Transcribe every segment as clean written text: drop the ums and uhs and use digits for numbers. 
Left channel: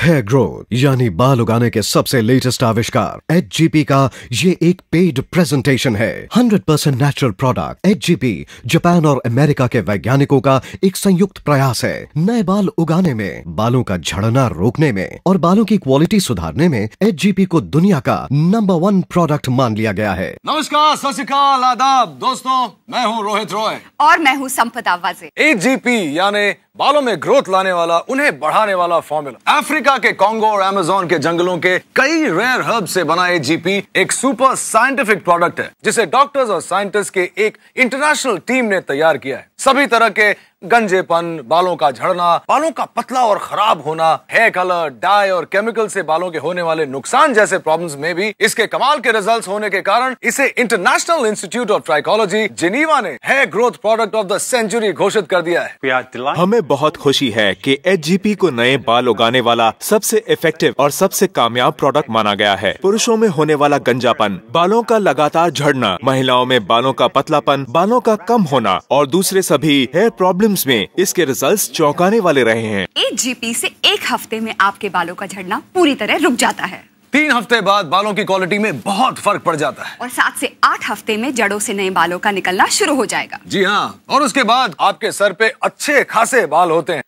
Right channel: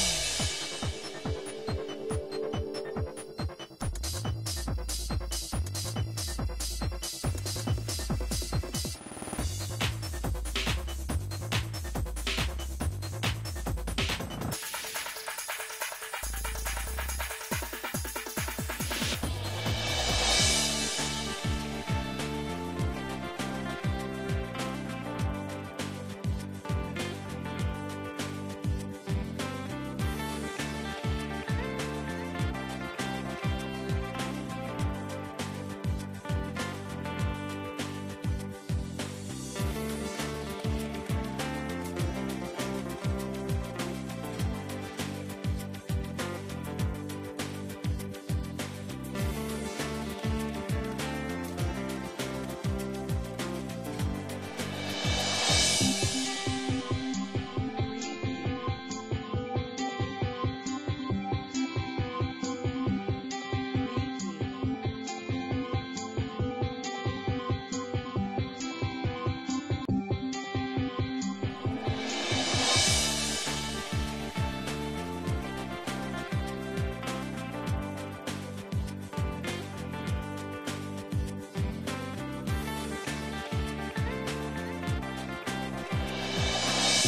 Hair growth यानी बाल उगाने के सबसे लेटेस्ट आविष्कार HGP का ये एक पेड प्रेजेंटेशन है। 100% नेचुरल प्रोडक्ट HGP जापान और अमेरिका के वैज्ञानिकों का एक संयुक्त प्रयास है। नए बाल उगाने में, बालों का झड़ना रोकने में और बालों की क्वालिटी सुधारने में HGP को दुनिया का नंबर 1 प्रोडक्ट मान लिया गया है। नमस्कार, सत श्री अकाल, आदाब दोस्तों, मैं हूँ रोहित रॉय और मैं हूँ संपदा वाजे। HGP यानी बालों में ग्रोथ लाने वाला, उन्हें बढ़ाने वाला फॉर्मूला। अफ्रीका के कॉन्गो और अमेज़न के जंगलों के कई रेयर हर्ब से बना HGP एक सुपर साइंटिफिक प्रोडक्ट है जिसे डॉक्टर्स और साइंटिस्ट के एक इंटरनेशनल टीम ने तैयार किया है। सभी तरह के गंजेपन, बालों का झड़ना, बालों का पतला और खराब होना, हेयर कलर, डाई और केमिकल से बालों के होने वाले नुकसान जैसे प्रॉब्लम्स में भी इसके कमाल के रिजल्ट्स होने के कारण इसे international institute of trichology Geneva ने hair growth product of the century घोषित कर दिया है। हमें बहुत खुशी है कि HGP को नए बाल उगाने वाला सबसे इफेक्टिव और सबसे कामयाब प्रोडक्ट माना गया है। पुरुषों में होने वाला गंजापन, बालों का लगातार झड़ना, महिलाओं में बालों का पतलापन, बालों का कम होना और दूसरे सभी हेयर प्रॉब्लम्स में इसके रिजल्ट्स चौंकाने वाले रहे हैं। HGP से एक हफ्ते में आपके बालों का झड़ना पूरी तरह रुक जाता है। 3 हफ्ते बाद बालों की क्वालिटी में बहुत फर्क पड़ जाता है और 7 से 8 हफ्ते में जड़ों से नए बालों का निकलना शुरू हो जाएगा। जी हाँ, और उसके बाद आपके सर पे अच्छे खासे बाल होते हैं।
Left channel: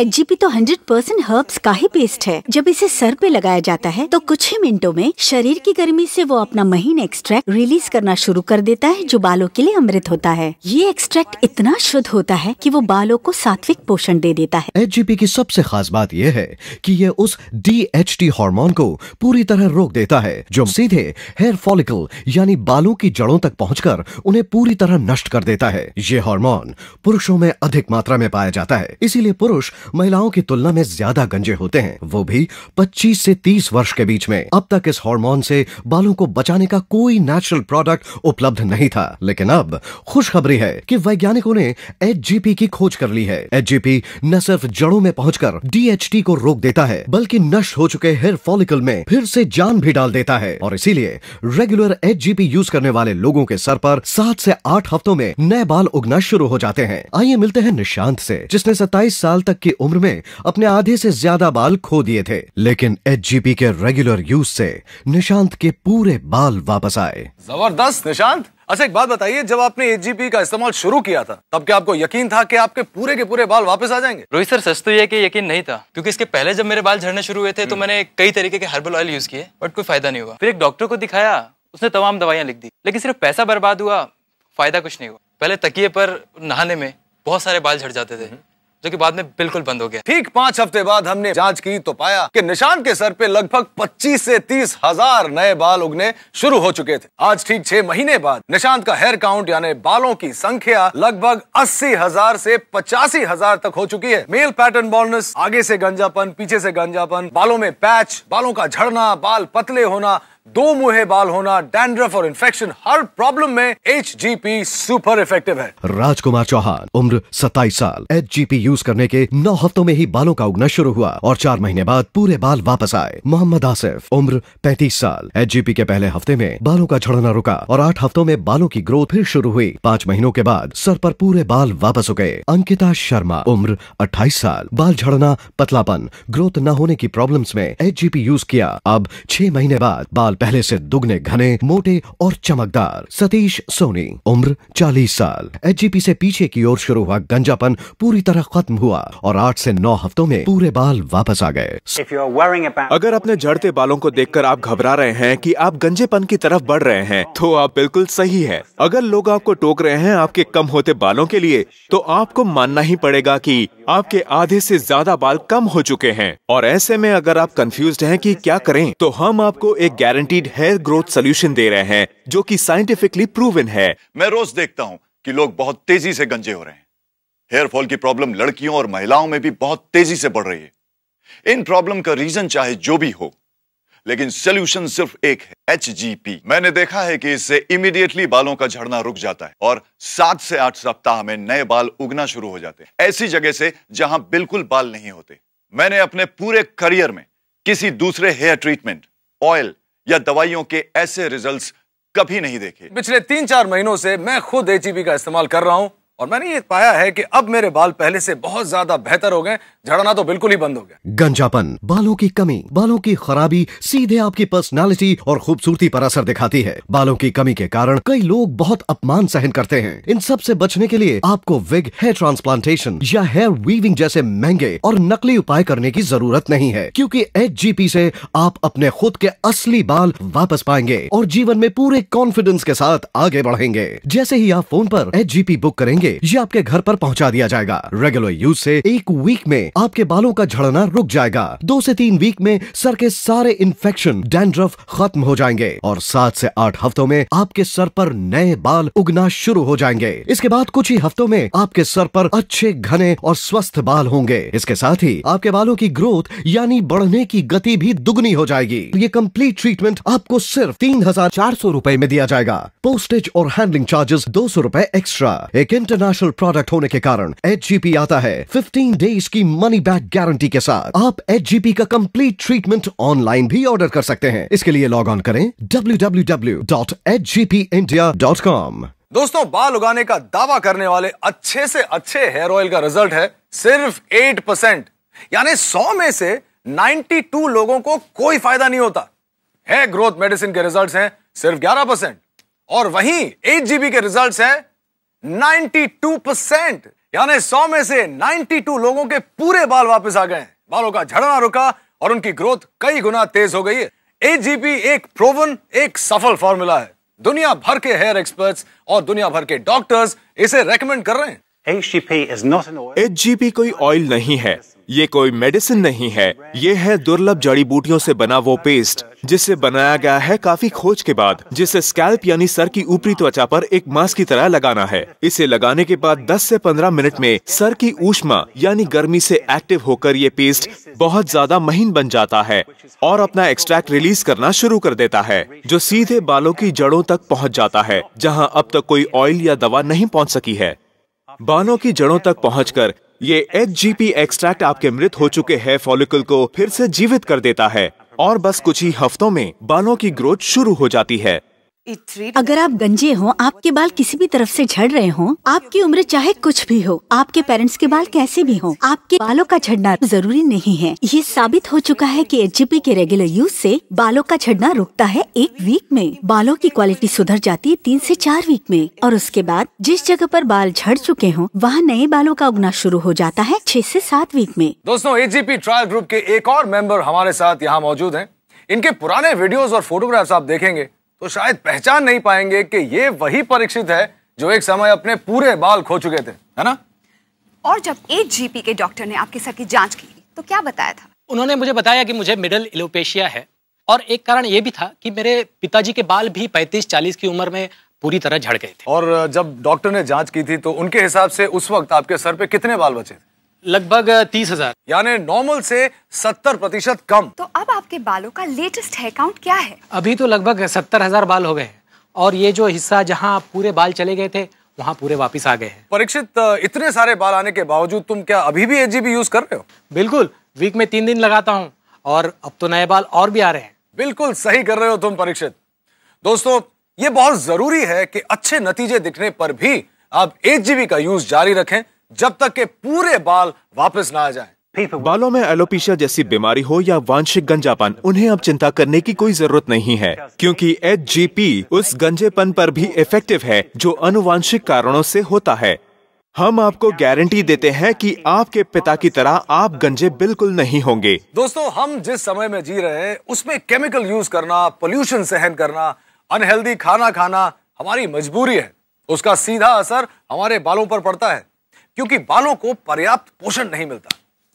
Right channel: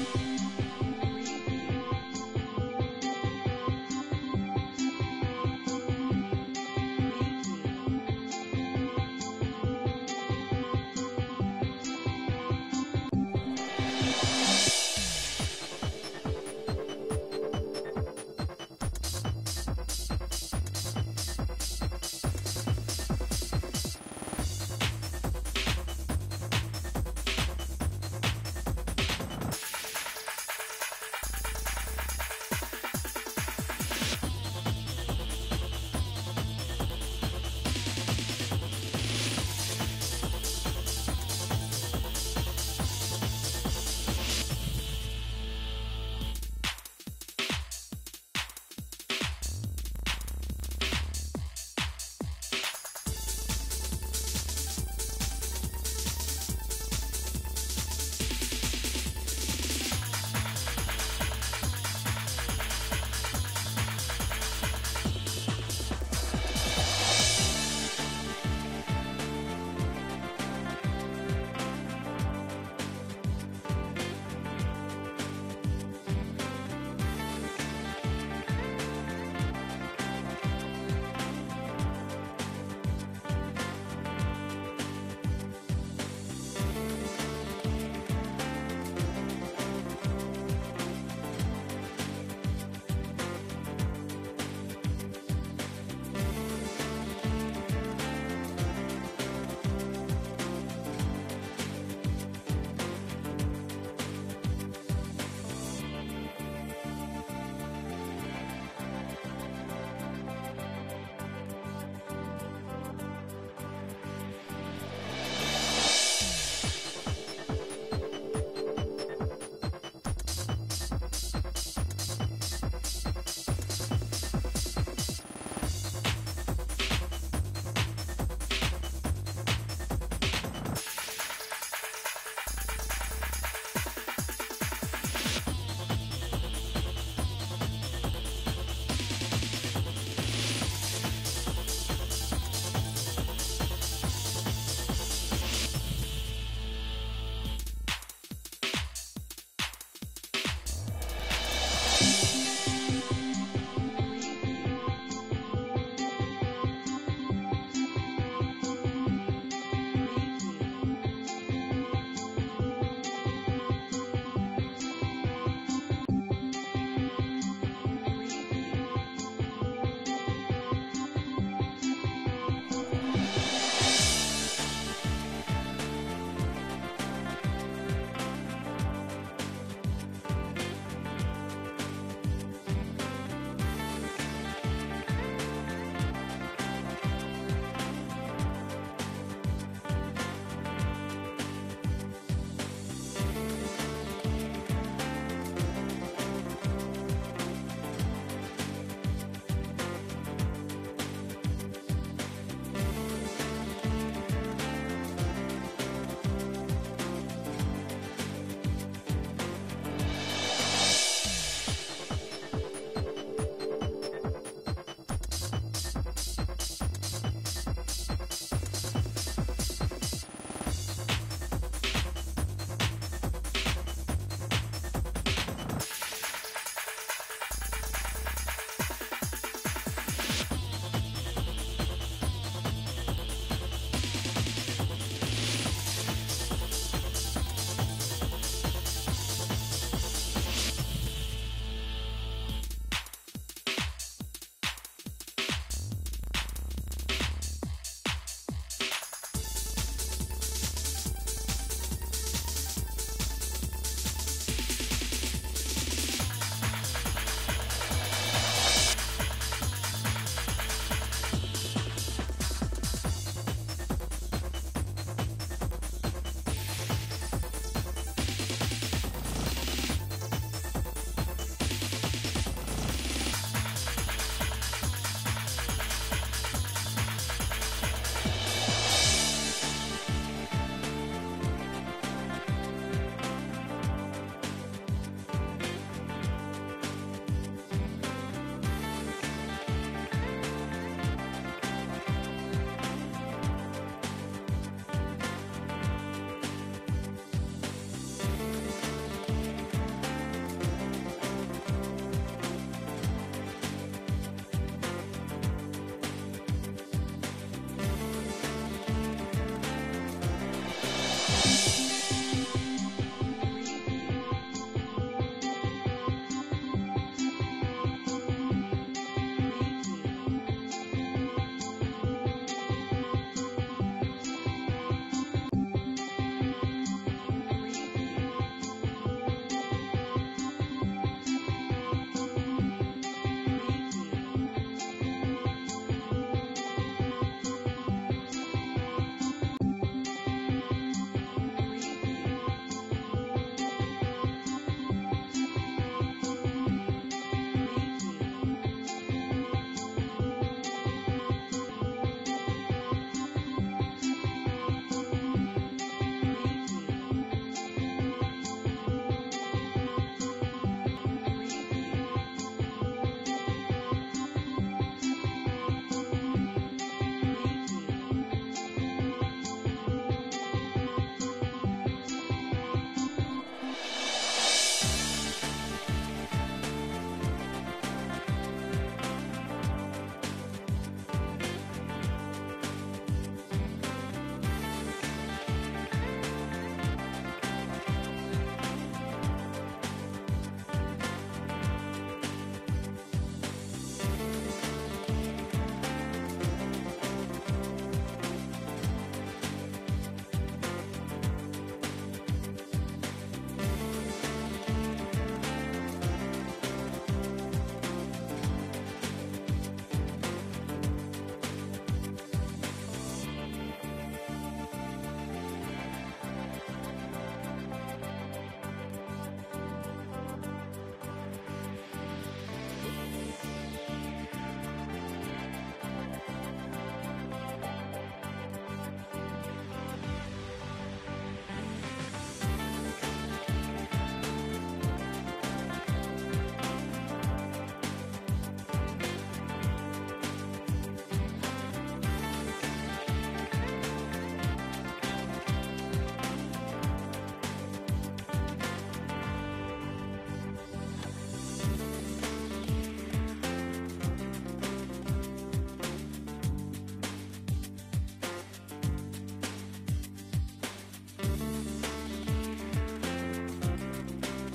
HGP तो 100% हर्ब्स का ही पेस्ट है। जब इसे सर पे लगाया जाता है तो कुछ ही मिनटों में शरीर की गर्मी से वो अपना महीन एक्सट्रैक्ट रिलीज करना शुरू कर देता है जो बालों के लिए अमृत होता है। ये एक्सट्रैक्ट इतना शुद्ध होता है कि वो बालों को सात्विक पोषण दे देता है। HGP की सबसे खास बात यह है कि ये उस DHT हार्मोन को पूरी तरह रोक देता है जो सीधे हेयर फॉलिकल यानी बालों की जड़ों तक पहुंचकर उन्हें पूरी तरह नष्ट कर देता है। ये हार्मोन पुरुषों में अधिक मात्रा में पाया जाता है, इसीलिए पुरुष महिलाओं की तुलना में ज्यादा गंजे होते हैं, वो भी 25 से 30 वर्ष के बीच में। अब तक इस हार्मोन से बालों को बचाने का कोई नेचुरल प्रोडक्ट उपलब्ध नहीं था, लेकिन अब खुशखबरी है कि वैज्ञानिकों ने HGP की खोज कर ली है। HGP न सिर्फ जड़ों में पहुंचकर DHT को रोक देता है बल्कि नष्ट हो चुके हेयर फॉलिकल में फिर से जान भी डाल देता है और इसीलिए रेगुलर HGP यूज करने वाले लोगों के सर पर 7 से 8 हफ्तों में नए बाल उगना शुरू हो जाते हैं। आइए मिलते हैं निशांत से, जिसने 27 साल तक की उम्र में अपने आधे से ज्यादा बाल खो दिए थे, लेकिन HGP के रेगुलर यूज से निशांत के पूरे बाल वापस आए। जबरदस्त निशांत। अच्छा, एक बात बताइए, जब आपने HGP का इस्तेमाल शुरू किया था तब क्या आपको यकीन था कि आपके पूरे के पूरे बाल वापस आ जाएंगे? रोहित सर, सच तो ये है कि यकीन नहीं था, क्योंकि इसके पहले जब मेरे बाल झड़ने शुरू हुए थे तो मैंने कई तरीके के हर्बल ऑयल यूज किए बट कोई फायदा नहीं हुआ। फिर एक डॉक्टर को दिखाया, उसने तमाम दवाइयां लिख दी, लेकिन सिर्फ पैसा बर्बाद हुआ, फायदा कुछ नहीं हुआ। पहले तकिए पर नहाने में बहुत सारे बाल झड़ जाते थे जो कि बाद में बिल्कुल बंद हो गया। ठीक 5 हफ्ते बाद हमने जांच की तो पाया कि निशांत के सर पे लगभग 25 से 30 हजार नए बाल उगने शुरू हो चुके थे। आज ठीक 6 महीने बाद निशांत का हेयर काउंट यानी बालों की संख्या लगभग 80,000 से 85,000 तक हो चुकी है। मेल पैटर्न बॉल्डनेस, आगे से गंजापन, पीछे से गंजापन, बालों में पैच, बालों का झड़ना, बाल पतले होना, 2 मुहे बाल होना, डैंड्रफ और इन्फेक्शन, हर प्रॉब्लम में HGP सुपर इफेक्टिव है। राजकुमार चौहान, उम्र 27 साल, HGP यूज करने के 9 हफ्तों में ही बालों का उगना शुरू हुआ और 4 महीने बाद पूरे बाल वापस आए। मोहम्मद आसिफ, उम्र 35 साल, HGP के पहले हफ्ते में बालों का झड़ना रुका और 8 हफ्तों में बालों की ग्रोथ फिर शुरू हुई। 5 महीनों के बाद सर पर पूरे बाल वापस उगे। अंकिता शर्मा, उम्र 28 साल, बाल झड़ना, पतलापन, ग्रोथ न होने की प्रॉब्लम्स में HGP यूज किया। अब 6 महीने बाद बाल पहले से दुगने घने, मोटे और चमकदार। सतीश सोनी, उम्र 40 साल, HGP से पीछे की ओर शुरू हुआ गंजापन पूरी तरह खत्म हुआ और 8 से 9 हफ्तों में पूरे बाल वापस आ गए। अगर अपने झड़ते बालों को देखकर आप घबरा रहे हैं कि आप गंजेपन की तरफ बढ़ रहे हैं तो आप बिल्कुल सही है। अगर लोग आपको टोक रहे हैं आपके कम होते बालों के लिए तो आपको मानना ही पड़ेगा कि आपके आधे से ज्यादा बाल कम हो चुके हैं। और ऐसे में अगर आप कंफ्यूज्ड हैं कि क्या करें तो हम आपको एक गारंटीड हेयर ग्रोथ सोल्यूशन दे रहे हैं जो कि साइंटिफिकली प्रूवन है। मैं रोज देखता हूँ कि लोग बहुत तेजी से गंजे हो रहे हैं। हेयर फॉल की प्रॉब्लम लड़कियों और महिलाओं में भी बहुत तेजी से बढ़ रही है। इन प्रॉब्लम का रीजन चाहे जो भी हो, लेकिन सोल्यूशन सिर्फ एक है, HGP। मैंने देखा है कि इससे इमीडिएटली बालों का झड़ना रुक जाता है और 7 से 8 सप्ताह में नए बाल उगना शुरू हो जाते हैं, ऐसी जगह से जहां बिल्कुल बाल नहीं होते। मैंने अपने पूरे करियर में किसी दूसरे हेयर ट्रीटमेंट, ऑयल या दवाइयों के ऐसे रिजल्ट्स कभी नहीं देखे। पिछले 3-4 महीनों से मैं खुद HGP का इस्तेमाल कर रहा हूँ और मैंने ये पाया है कि अब मेरे बाल पहले से बहुत ज्यादा बेहतर हो गए, झड़ना तो बिल्कुल ही बंद हो गया। गंजापन, बालों की कमी, बालों की खराबी सीधे आपकी पर्सनालिटी और खूबसूरती पर असर दिखाती है। बालों की कमी के कारण कई लोग बहुत अपमान सहन करते हैं। इन सब से बचने के लिए आपको विग, हेयर ट्रांसप्लांटेशन या हेयर वीविंग जैसे महंगे और नकली उपाय करने की जरूरत नहीं है, क्योंकि HGP से आप अपने खुद के असली बाल वापस पाएंगे और जीवन में पूरे कॉन्फिडेंस के साथ आगे बढ़ेंगे। जैसे ही आप फोन पर HGP बुक करेंगे, ये आपके घर पर पहुंचा दिया जाएगा। रेगुलर यूज से 1 वीक में आपके बालों का झड़ना रुक जाएगा। 2 से 3 वीक में सर के सारे इन्फेक्शन, डैंड्रफ खत्म हो जाएंगे और 7 से 8 हफ्तों में आपके सर पर नए बाल उगना शुरू हो जाएंगे। इसके बाद कुछ ही हफ्तों में आपके सर पर अच्छे घने और स्वस्थ बाल होंगे। इसके साथ ही आपके बालों की ग्रोथ यानी बढ़ने की गति भी दुगनी हो जाएगी। ये कंप्लीट ट्रीटमेंट आपको सिर्फ 3,400 रूपए में दिया जाएगा। पोस्टेज और हैंडलिंग चार्जेस 200 रूपए एक्स्ट्रा। एक इंटरनेशनल प्रोडक्ट होने के कारण HGP आता है 15 डेज की मनी बैक गारंटी के साथ। आप HGP का कंप्लीट ट्रीटमेंट ऑनलाइन भी ऑर्डर कर सकते हैं। इसके लिए लॉग ऑन करें www.hgpindia.com। दोस्तों, बाल उगाने का दावा करने वाले अच्छे से अच्छे हेयर ऑयल का रिजल्ट है सिर्फ 8%, यानी 100 में से 92 लोगों को कोई फायदा नहीं होता। हेयर ग्रोथ मेडिसिन के रिजल्ट्स हैं सिर्फ 11% और वहीं HGP के रिजल्ट्स हैं 92%, यानी 100 में से 92 लोगों के पूरे बाल वापस आ गए। बालों का झड़ना रुका और उनकी ग्रोथ कई गुना तेज हो गई है। HGP एक प्रूवन, एक सफल फॉर्मूला है। दुनिया भर के हेयर एक्सपर्ट्स और दुनिया भर के डॉक्टर्स इसे रेकमेंड कर रहे हैं। HGP कोई ऑयल नहीं है, ये कोई मेडिसिन नहीं है, ये है दुर्लभ जड़ी बूटियों से बना वो पेस्ट जिसे बनाया गया है काफी खोज के बाद, जिसे स्कैल्प यानी सर की ऊपरी त्वचा पर एक मास्क की तरह लगाना है। इसे लगाने के बाद 10 से 15 मिनट में सर की ऊष्मा यानी गर्मी से एक्टिव होकर ये पेस्ट बहुत ज्यादा महीन बन जाता है और अपना एक्सट्रैक्ट रिलीज करना शुरू कर देता है, जो सीधे बालों की जड़ों तक पहुंच जाता है, जहां अब तक कोई ऑयल या दवा नहीं पहुंच सकी है। बालों की जड़ों तक पहुंचकर ये HGP एक्सट्रैक्ट आपके मृत हो चुके हेयर फॉलिकल को फिर से जीवित कर देता है और बस कुछ ही हफ्तों में बालों की ग्रोथ शुरू हो जाती है। अगर आप गंजे हो, आपके बाल किसी भी तरफ से झड़ रहे हो, आपकी उम्र चाहे कुछ भी हो, आपके पेरेंट्स के बाल कैसे भी हो, आपके बालों का झड़ना जरूरी नहीं है। ये साबित हो चुका है कि HGP के रेगुलर यूज से बालों का झड़ना रुकता है 1 वीक में। बालों की क्वालिटी सुधर जाती है 3 से 4 वीक में और उसके बाद जिस जगह पर बाल झड़ चुके हों, वहाँ नए बालों का उगना शुरू हो जाता है 6 से 7 वीक में। दोस्तों, HGP ट्रायल ग्रुप के एक और मेंबर हमारे साथ यहाँ मौजूद हैं। इनके पुराने वीडियोस और फोटोग्राफ्स आप देखेंगे तो शायद पहचान नहीं पाएंगे कि ये वही परीक्षित है जो एक समय अपने पूरे बाल खो चुके थे, है ना? और जब HGP के डॉक्टर ने आपके सर की जांच की तो क्या बताया था? उन्होंने मुझे बताया कि मुझे मिडल एलोपेशिया है और एक कारण ये भी था कि मेरे पिताजी के बाल भी 35-40 की उम्र में पूरी तरह झड़ गए थे। और जब डॉक्टर ने जांच की थी तो उनके हिसाब से उस वक्त आपके सर पे कितने बाल बचे? लगभग 30,000, यानी नॉर्मल से 70% कम। तो अब आपके बालों का लेटेस्ट हेयर काउंट क्या है? अभी तो लगभग 70,000 बाल हो गए और ये जो हिस्सा जहाँ पूरे बाल चले गए थे वहाँ पूरे वापस आ गए। परीक्षित, इतने सारे बाल आने के बावजूद तुम क्या अभी भी HGP यूज कर रहे हो? बिल्कुल, वीक में 3 दिन लगाता हूँ और अब तो नए बाल और भी आ रहे हैं। बिल्कुल सही कर रहे हो तुम परीक्षित। दोस्तों, ये बहुत जरूरी है कि अच्छे नतीजे दिखने पर भी आप HGP का यूज जारी रखें जब तक के पूरे बाल वापस ना आ जाए। बालों में एलोपेशिया जैसी बीमारी हो या वांशिक गंजापन, उन्हें अब चिंता करने की कोई जरूरत नहीं है, क्योंकि HGP उस गंजेपन पर भी इफेक्टिव है जो अनुवांशिक कारणों से होता है। हम आपको गारंटी देते हैं कि आपके पिता की तरह आप गंजे बिल्कुल नहीं होंगे। दोस्तों, हम जिस समय में जी रहे हैं उसमें केमिकल यूज करना, पोल्यूशन सहन करना, अनहेल्दी खाना खाना हमारी मजबूरी है। उसका सीधा असर हमारे बालों पर पड़ता है, क्योंकि बालों को पर्याप्त पोषण नहीं मिलता।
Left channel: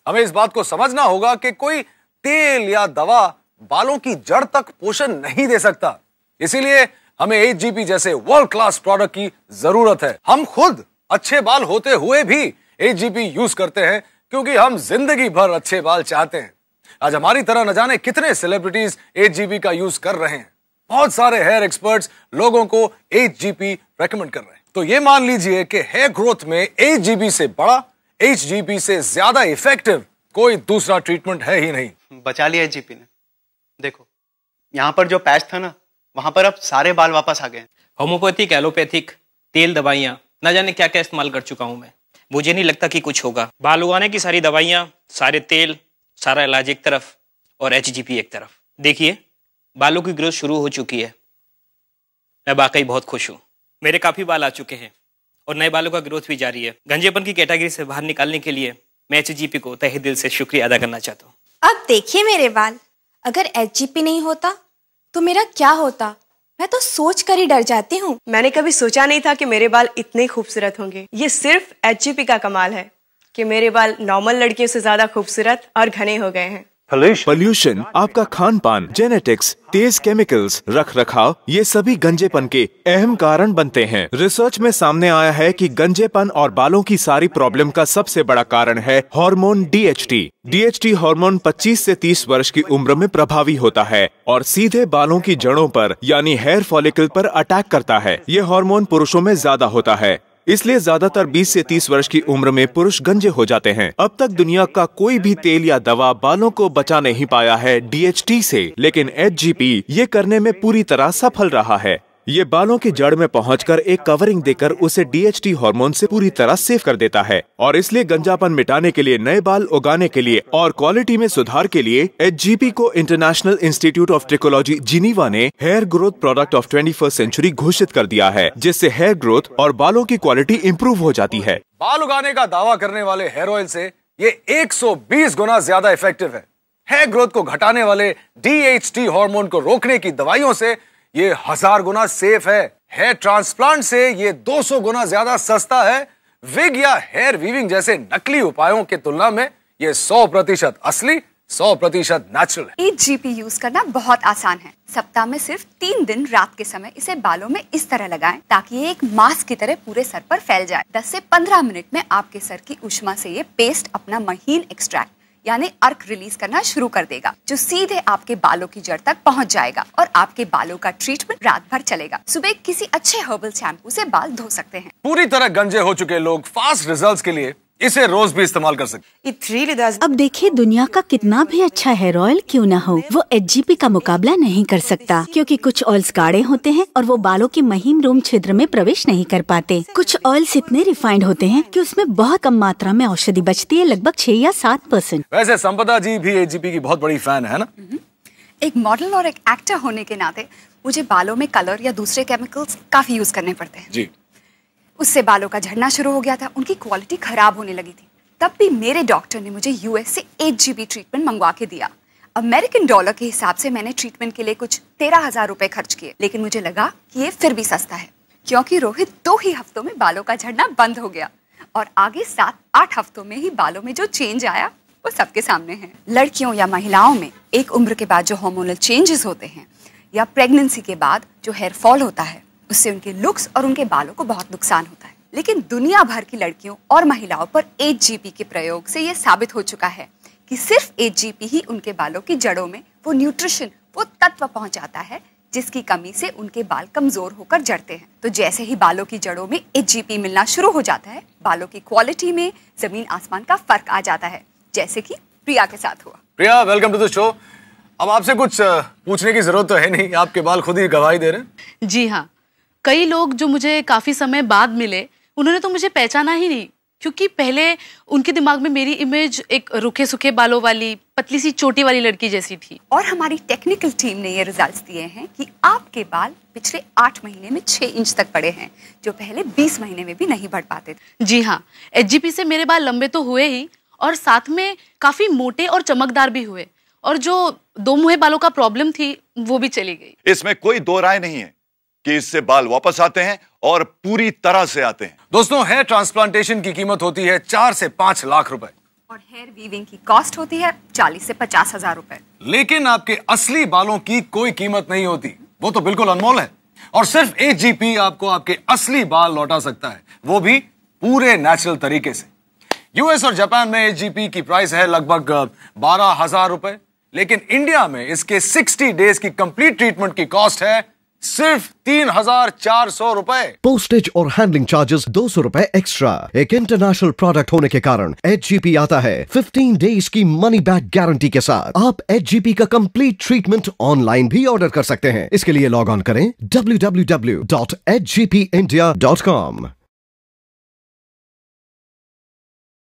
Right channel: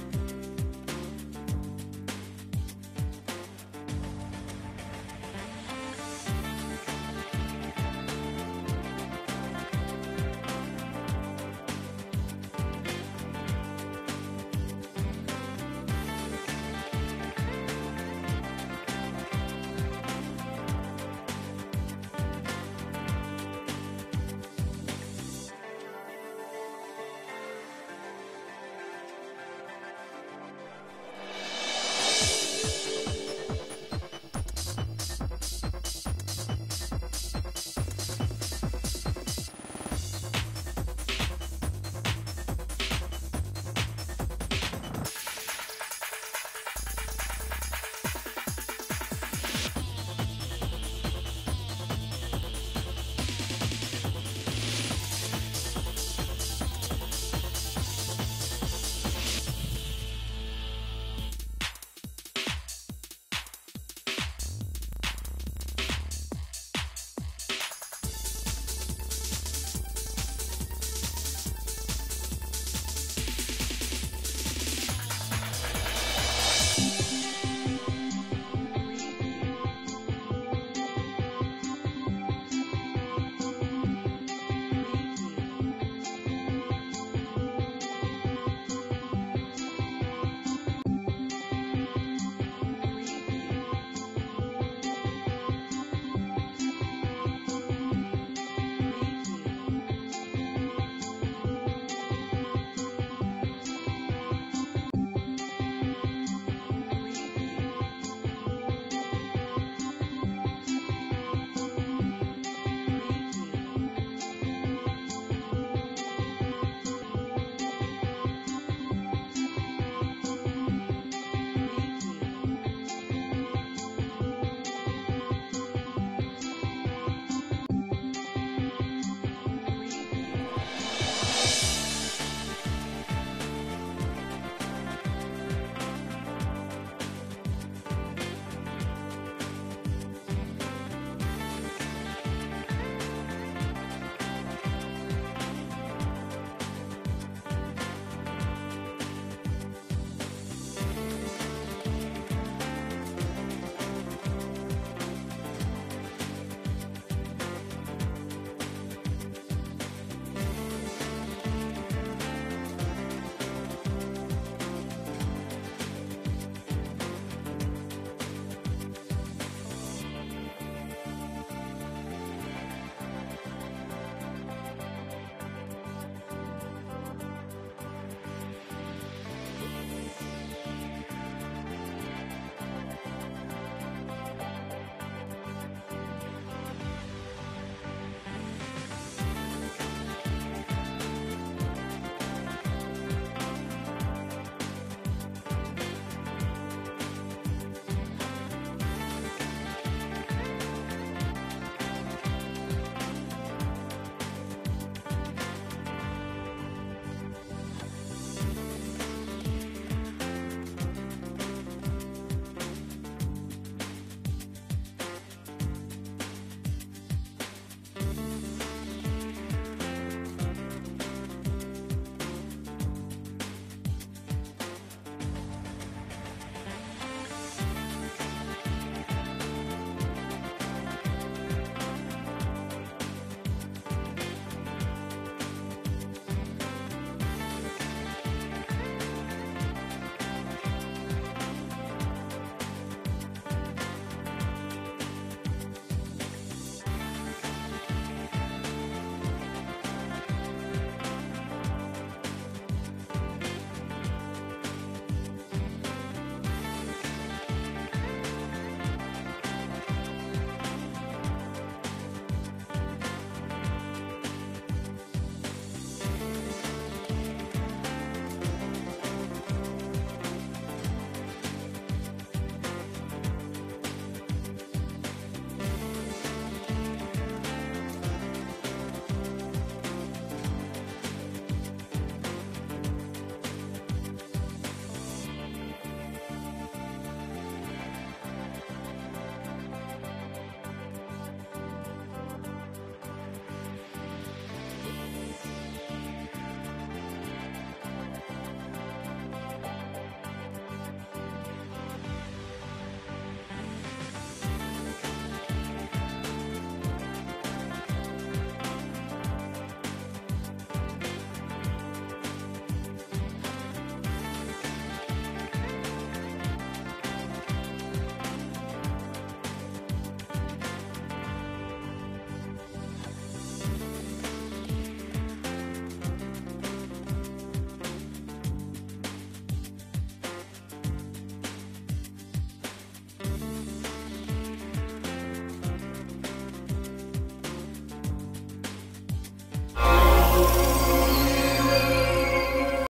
हमें इस बात को समझना होगा कि कोई तेल या दवा बालों की जड़ तक पोषण नहीं दे सकता। इसीलिए हमें HGP जैसे वर्ल्ड क्लास प्रोडक्ट की जरूरत है। हम खुद अच्छे बाल होते हुए भी HGP यूज करते हैं, क्योंकि हम जिंदगी भर अच्छे बाल चाहते हैं। आज हमारी तरह न जाने कितने सेलिब्रिटीज HGP का यूज कर रहे हैं। बहुत सारे हेयर एक्सपर्ट्स लोगों को HGP रेकमेंड कर रहे हैं। तो ये मान लीजिए कि हेयर ग्रोथ में HGP से बड़ा, HGP से ज्यादा इफेक्टिव कोई दूसरा ट्रीटमेंट है ही नहीं। बचा लिया HGP। देखो, यहाँ पर जो पैच था ना, वहाँ पर अब सारे बाल वापस आ गए। होम्योपैथिक, एलोपैथिक तेल, दवाइयाँ, ना जाने क्या क्या इस्तेमाल कर चुका हूँ मैं। मुझे नहीं लगता कि कुछ होगा। बाल उगाने की सारी दवाइयाँ, सारे तेल, सारा इलाज एक तरफ और HGP एक तरफ। देखिए, बालों की ग्रोथ शुरू हो चुकी है। मैं वाकई बहुत खुश हूँ। मेरे काफ़ी बाल आ चुके हैं और नए बालों का ग्रोथ भी जारी है। गंजेपन की कैटेगरी से बाहर निकालने के लिए मैं HGP को तहे दिल से शुक्रिया अदा करना चाहता हूँ। अब देखिए मेरे बाल, अगर HGP नहीं होता तो मेरा क्या होता? मैं तो सोच कर ही डर जाती हूँ। मैंने कभी सोचा नहीं था कि मेरे बाल इतने खूबसूरत होंगे। ये सिर्फ HGP का कमाल है कि मेरे बाल नॉर्मल लड़कियों से ज्यादा खूबसूरत और घने हो गए हैं। पोल्यूशन, आपका खान पान, जेनेटिक्स, तेज केमिकल्स, रख रखाव, ये सभी गंजेपन के अहम कारण बनते हैं। रिसर्च में सामने आया है कि गंजेपन और बालों की सारी प्रॉब्लम का सबसे बड़ा कारण है हार्मोन DHT। DHT हार्मोन 25 से 30 वर्ष की उम्र में प्रभावी होता है और सीधे बालों की जड़ों पर यानी हेयर फॉलिकल पर अटैक करता है। ये हार्मोन पुरुषों में ज्यादा होता है, इसलिए ज्यादातर 20 से 30 वर्ष की उम्र में पुरुष गंजे हो जाते हैं। अब तक दुनिया का कोई भी तेल या दवा बालों को बचा नहीं पाया है DHT से, लेकिन HGP ये करने में पूरी तरह सफल रहा है। ये बालों की जड़ में पहुंचकर एक कवरिंग देकर उसे DHT हार्मोन से पूरी तरह सेफ कर देता है और इसलिए गंजापन मिटाने के लिए, नए बाल उगाने के लिए और क्वालिटी में सुधार के लिए HGP को international institute of trichology Geneva ने hair growth product of 21st century घोषित कर दिया है, जिससे हेयर ग्रोथ और बालों की क्वालिटी इम्प्रूव हो जाती है। बाल उगाने का दावा करने वाले हेयर ऑयल से ये 120 गुना ज्यादा इफेक्टिव है। हेयर ग्रोथ को घटाने वाले DHT हार्मोन को रोकने की दवाइयों से ये 1000 गुना सेफ है। हेयर ट्रांसप्लांट से ये 200 गुना ज्यादा सस्ता है। विग या हेयर वीविंग जैसे नकली उपायों की तुलना में ये 100% असली, 100% नेचुरल। HGP यूज करना बहुत आसान है। सप्ताह में सिर्फ 3 दिन रात के समय इसे बालों में इस तरह लगाएं ताकि ये एक मास्क की तरह पूरे सर पर फैल जाए। 10 से 15 मिनट में आपके सर की ऊष्मा से ये पेस्ट अपना महीन एक्सट्रैक्ट यानी अर्क रिलीज करना शुरू कर देगा, जो सीधे आपके बालों की जड़ तक पहुंच जाएगा और आपके बालों का ट्रीटमेंट रात भर चलेगा। सुबह किसी अच्छे हर्बल शैम्पू से बाल धो सकते हैं। पूरी तरह गंजे हो चुके लोग फास्ट रिजल्ट्स के लिए इसे रोज भी इस्तेमाल कर सकते। It really does. अब देखिए, दुनिया का कितना भी अच्छा हेयर ऑयल क्यों ना हो, वो HGP का मुकाबला नहीं कर सकता, क्योंकि कुछ ऑयल्स गाढ़े होते हैं और वो बालों के महीन रोम छिद्र में प्रवेश नहीं कर पाते। कुछ ऑयल्स इतने रिफाइंड होते हैं कि उसमें बहुत कम मात्रा में औषधि बचती है, लगभग 6 या 7%। वैसे संपदा जी भी HGP की बहुत बड़ी फैन है ना? एक मॉडल और एक एक्टर होने के नाते मुझे बालों में कलर या दूसरे केमिकल्स काफी यूज करने पड़ते हैं जी। उससे बालों का झड़ना शुरू हो गया था, उनकी क्वालिटी खराब होने लगी थी। तब भी मेरे डॉक्टर ने मुझे US से HGP ट्रीटमेंट मंगवा के दिया। अमेरिकन डॉलर के हिसाब से मैंने ट्रीटमेंट के लिए कुछ 13,000 रुपए खर्च किए, लेकिन मुझे लगा कि ये फिर भी सस्ता है, क्योंकि रोहित 2 ही हफ्तों में बालों का झड़ना बंद हो गया और आगे 7-8 हफ्तों में ही बालों में जो चेंज आया वो सबके सामने है। लड़कियों या महिलाओं में एक उम्र के बाद जो हार्मोनल चेंजेस होते हैं या प्रेगनेंसी के बाद जो हेयर फॉल होता है, उससे उनके लुक्स और उनके बालों को बहुत नुकसान होता है। लेकिन दुनिया भर की लड़कियों और महिलाओं पर HGP के प्रयोग से ये साबित हो चुका है कि सिर्फ HGP ही उनके बालों की जड़ों में वो न्यूट्रिशन, वो तत्व पहुंचाता है जिसकी कमी से उनके बाल कमजोर होकर जड़ते हैं। तो जैसे ही बालों की जड़ों में HGP मिलना शुरू हो जाता है, बालों की क्वालिटी में जमीन आसमान का फर्क आ जाता है, जैसे कि प्रिया के साथ हुआ। प्रिया, वेलकम टू द शो। अब आपसे कुछ पूछने की जरूरत तो है नहीं, आपके बाल खुद ही गवाही दे रहे हैं। जी हाँ, कई लोग जो मुझे काफी समय बाद मिले, उन्होंने तो मुझे पहचाना ही नहीं, क्योंकि पहले उनके दिमाग में मेरी इमेज एक रुखे सूखे बालों वाली, पतली सी चोटी वाली लड़की जैसी थी। और हमारी टेक्निकल टीम ने ये रिजल्ट्स दिए हैं कि आपके बाल पिछले 8 महीने में 6 इंच तक बढ़े हैं, जो पहले 20 महीने में भी नहीं बढ़ पाते थे। जी हाँ, HGP से मेरे बाल लंबे तो हुए ही और साथ में काफी मोटे और चमकदार भी हुए, और जो 2 मुहे बालों का प्रॉब्लम थी वो भी चली गई। इसमें कोई दो राय नहीं है कि इससे बाल वापस आते हैं और पूरी तरह से आते हैं। दोस्तों, हेयर ट्रांसप्लांटेशन की कीमत होती है 4 से 5 लाख रुपए और हेयर वीविंग की कॉस्ट होती है 40 से 50,000 रुपए। लेकिन आपके असली बालों की कोई कीमत नहीं होती, वो तो बिल्कुल अनमोल है। और सिर्फ HGP आपको आपके असली बाल लौटा सकता है, वो भी पूरे नेचुरल तरीके से। US और जापान में HGP की प्राइस है लगभग 12,000 रुपए, लेकिन इंडिया में इसके 60 डेज की कंप्लीट ट्रीटमेंट की कॉस्ट है सिर्फ 3,400 रुपए। पोस्टेज और हैंडलिंग चार्जेस 200 रुपए एक्स्ट्रा। एक इंटरनेशनल प्रोडक्ट होने के कारण HGP आता है 15 डेज की मनी बैक गारंटी के साथ। आप HGP का कंप्लीट ट्रीटमेंट ऑनलाइन भी ऑर्डर कर सकते हैं। इसके लिए लॉग ऑन करें www.hgpindia.com।